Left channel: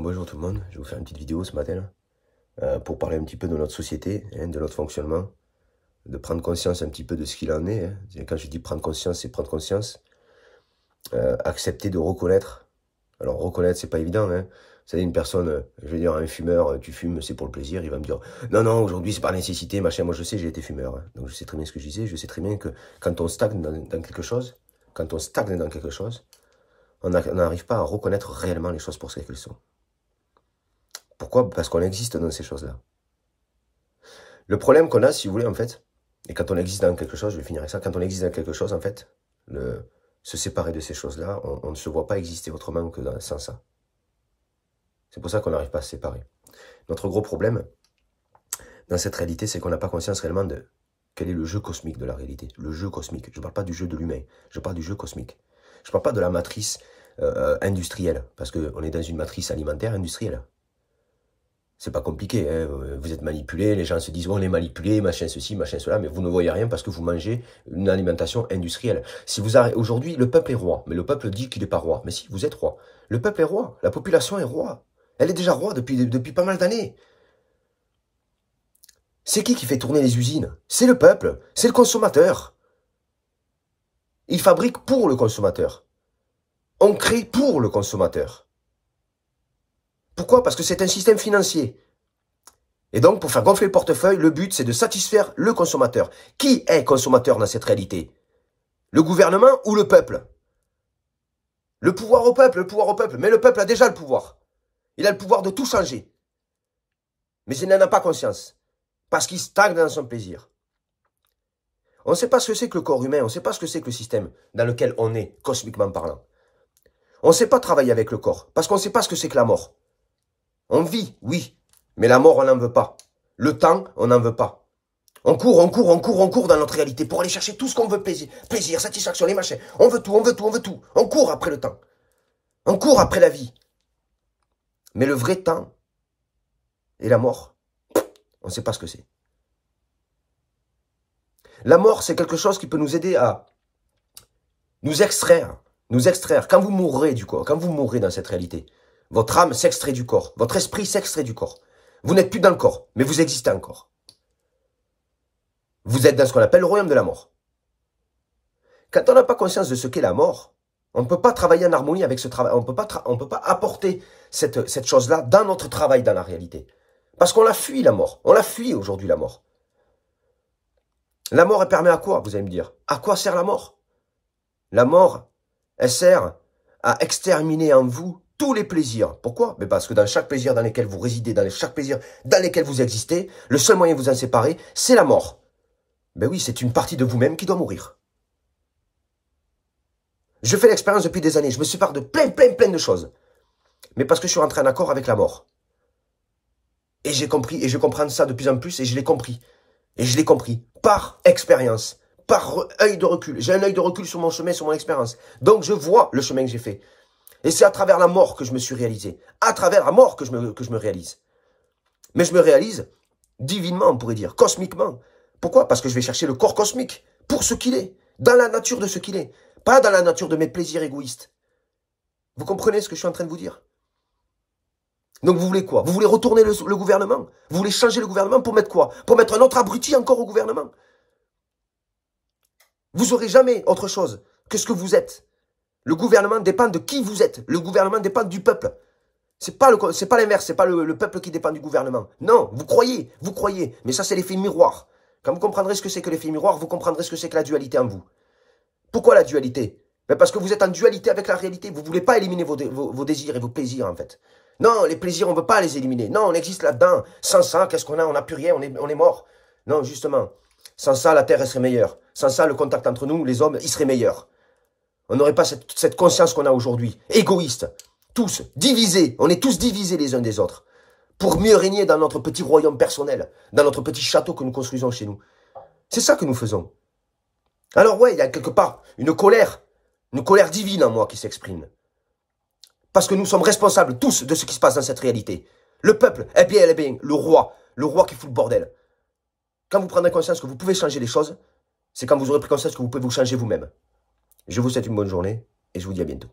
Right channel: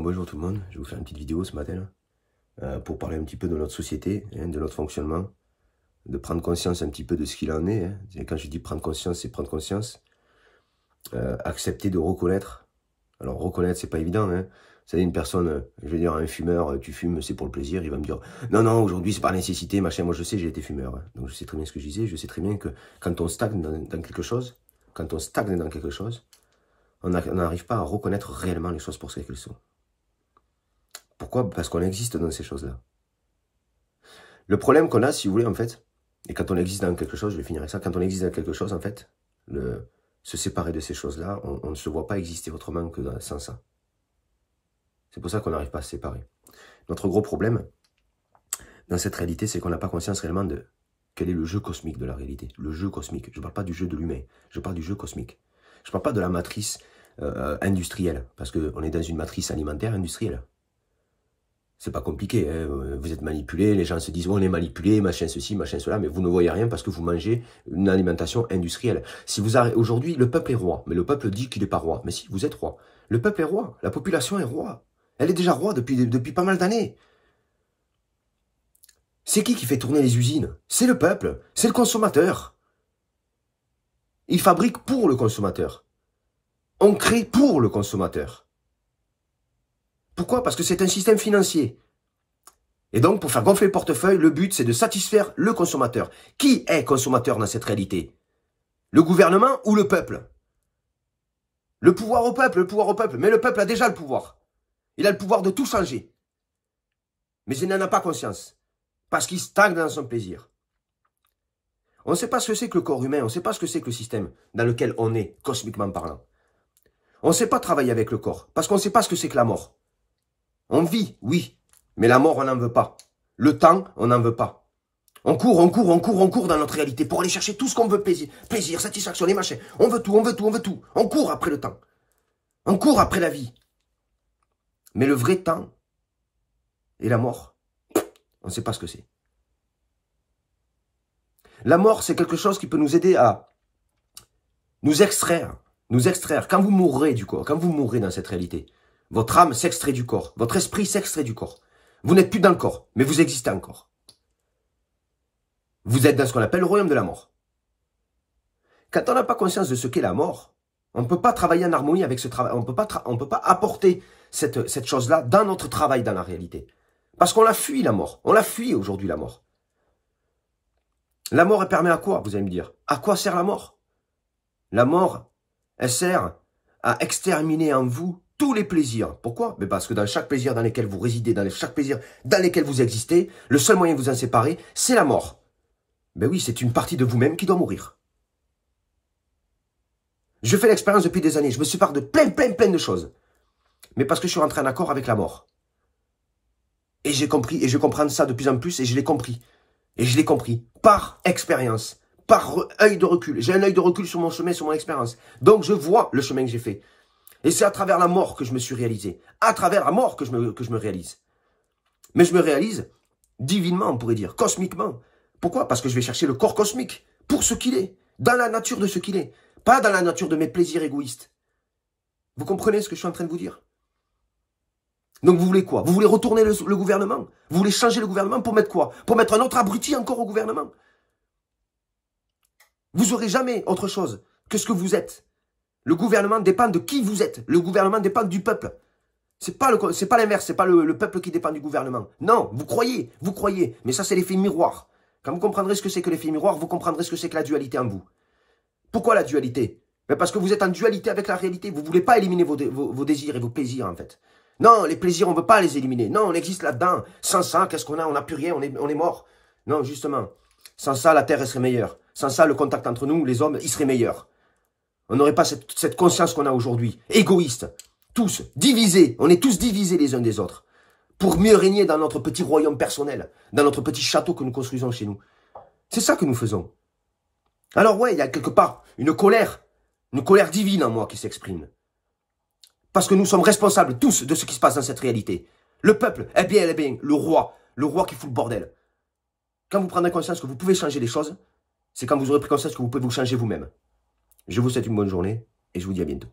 Bonjour tout le monde, je vais vous faire une petite vidéo ce matin pour parler un petit peu de notre société, de notre fonctionnement, de prendre conscience un petit peu de ce qu'il en est. Et quand je dis prendre conscience, c'est prendre conscience, accepter de reconnaître. Alors reconnaître, c'est pas évident. Vous savez, une personne, je vais dire un fumeur, tu fumes, c'est pour le plaisir, il va me dire non, non, aujourd'hui c'est par nécessité, machin. Moi je sais, j'ai été fumeur. Donc je sais très bien ce que je disais, je sais très bien que quand on stagne dans quelque chose, on n'arrive pas à reconnaître réellement les choses pour ce qu'elles sont. Pourquoi? Parce qu'on existe dans ces choses-là. Le problème qu'on a, si vous voulez, en fait, et quand on existe dans quelque chose, je vais finir avec ça, quand on existe dans quelque chose, en fait, se séparer de ces choses-là, on ne se voit pas exister autrement que sans ça. C'est pour ça qu'on n'arrive pas à se séparer. Notre gros problème, dans cette réalité, c'est qu'on n'a pas conscience réellement de quel est le jeu cosmique de la réalité. Le jeu cosmique. Je ne parle pas du jeu de l'humain, je parle du jeu cosmique. Je ne parle pas de la matrice industrielle, parce qu'on est dans une matrice alimentaire industrielle. C'est pas compliqué, vous êtes manipulé, les gens se disent oh, on est manipulé, machin ceci, machin cela, mais vous ne voyez rien parce que vous mangez une alimentation industrielle. Si vous aujourd'hui, le peuple est roi, mais le peuple dit qu'il n'est pas roi. Mais si, vous êtes roi. Le peuple est roi, la population est roi. Elle est déjà roi depuis pas mal d'années. C'est qui fait tourner les usines? C'est le peuple, c'est le consommateur. Il fabrique pour le consommateur. On crée pour le consommateur. Pourquoi? Parce que c'est un système financier. Et donc, pour faire gonfler le portefeuille, le but, c'est de satisfaire le consommateur. Qui est consommateur dans cette réalité? Le gouvernement ou le peuple? Le pouvoir au peuple, le pouvoir au peuple. Mais le peuple a déjà le pouvoir. Il a le pouvoir de tout changer. Mais il n'en a pas conscience. Parce qu'il stagne dans son plaisir. On ne sait pas ce que c'est que le corps humain. On ne sait pas ce que c'est que le système dans lequel on est, cosmiquement parlant. On ne sait pas travailler avec le corps. Parce qu'on ne sait pas ce que c'est que la mort. On vit, oui, mais la mort, on n'en veut pas. Le temps, on n'en veut pas. On court dans notre réalité pour aller chercher tout ce qu'on veut, plaisir, satisfaction, les machins. On veut tout, on veut tout, on veut tout. On court après le temps. On court après la vie. Mais le vrai temps et la mort, on ne sait pas ce que c'est. La mort, c'est quelque chose qui peut nous aider à nous extraire. Quand vous mourrez du corps, quand vous mourrez dans cette réalité, votre âme s'extrait du corps. Votre esprit s'extrait du corps. Vous n'êtes plus dans le corps, mais vous existez encore. Vous êtes dans ce qu'on appelle le royaume de la mort. Quand on n'a pas conscience de ce qu'est la mort, on ne peut pas travailler en harmonie avec ce travail. On ne peut pas apporter cette chose-là dans notre travail, dans la réalité. Parce qu'on la fuit, la mort. On la fuit aujourd'hui, la mort. La mort, elle permet à quoi, vous allez me dire? À quoi sert la mort? La mort, elle sert à exterminer en vous tous les plaisirs. Pourquoi? Mais parce que dans chaque plaisir dans lequel vous résidez, dans chaque plaisir dans lequel vous existez, le seul moyen de vous en séparer, c'est la mort. Ben oui, c'est une partie de vous-même qui doit mourir. Je fais l'expérience depuis des années. Je me sépare de plein de choses. Mais parce que je suis rentré en accord avec la mort. Et j'ai compris, et je comprends ça de plus en plus, et je l'ai compris. Et je l'ai compris par expérience, par œil de recul. J'ai un œil de recul sur mon chemin, sur mon expérience. Donc je vois le chemin que j'ai fait. Et c'est à travers la mort que je me suis réalisé. À travers la mort que je me réalise. Mais je me réalise divinement, on pourrait dire, cosmiquement. Pourquoi? Parce que je vais chercher le corps cosmique pour ce qu'il est, dans la nature de ce qu'il est. Pas dans la nature de mes plaisirs égoïstes. Vous comprenez ce que je suis en train de vous dire? Donc vous voulez quoi? Vous voulez retourner le gouvernement? Vous voulez changer le gouvernement pour mettre quoi? Pour mettre un autre abruti encore au gouvernement? Vous n'aurez jamais autre chose que ce que vous êtes. Le gouvernement dépend de qui vous êtes. Le gouvernement dépend du peuple. C'est pas l'inverse, c'est pas le peuple qui dépend du gouvernement. Non, vous croyez. Mais ça c'est l'effet miroir. Quand vous comprendrez ce que c'est que l'effet miroir, vous comprendrez ce que c'est que la dualité en vous. Pourquoi la dualité? Ben parce que vous êtes en dualité avec la réalité. Vous ne voulez pas éliminer vos désirs et vos plaisirs en fait. Non, les plaisirs, on ne veut pas les éliminer. Non, on existe là-dedans. Sans ça, qu'est-ce qu'on a? On n'a plus rien, on est mort. Non, justement. Sans ça, la terre, elle serait meilleure. Sans ça, le contact entre nous, les hommes, il serait meilleur. On n'aurait pas cette conscience qu'on a aujourd'hui. Égoïste. Tous. Divisés. On est tous divisés les uns des autres. Pour mieux régner dans notre petit royaume personnel. Dans notre petit château que nous construisons chez nous. C'est ça que nous faisons. Alors ouais, il y a quelque part une colère divine en moi qui s'exprime. Parce que nous sommes responsables tous de ce qui se passe dans cette réalité. Le peuple, eh bien, le roi qui fout le bordel. Quand vous prendrez conscience que vous pouvez changer les choses, c'est quand vous aurez pris conscience que vous pouvez vous changer vous-même. Je vous souhaite une bonne journée et je vous dis à bientôt.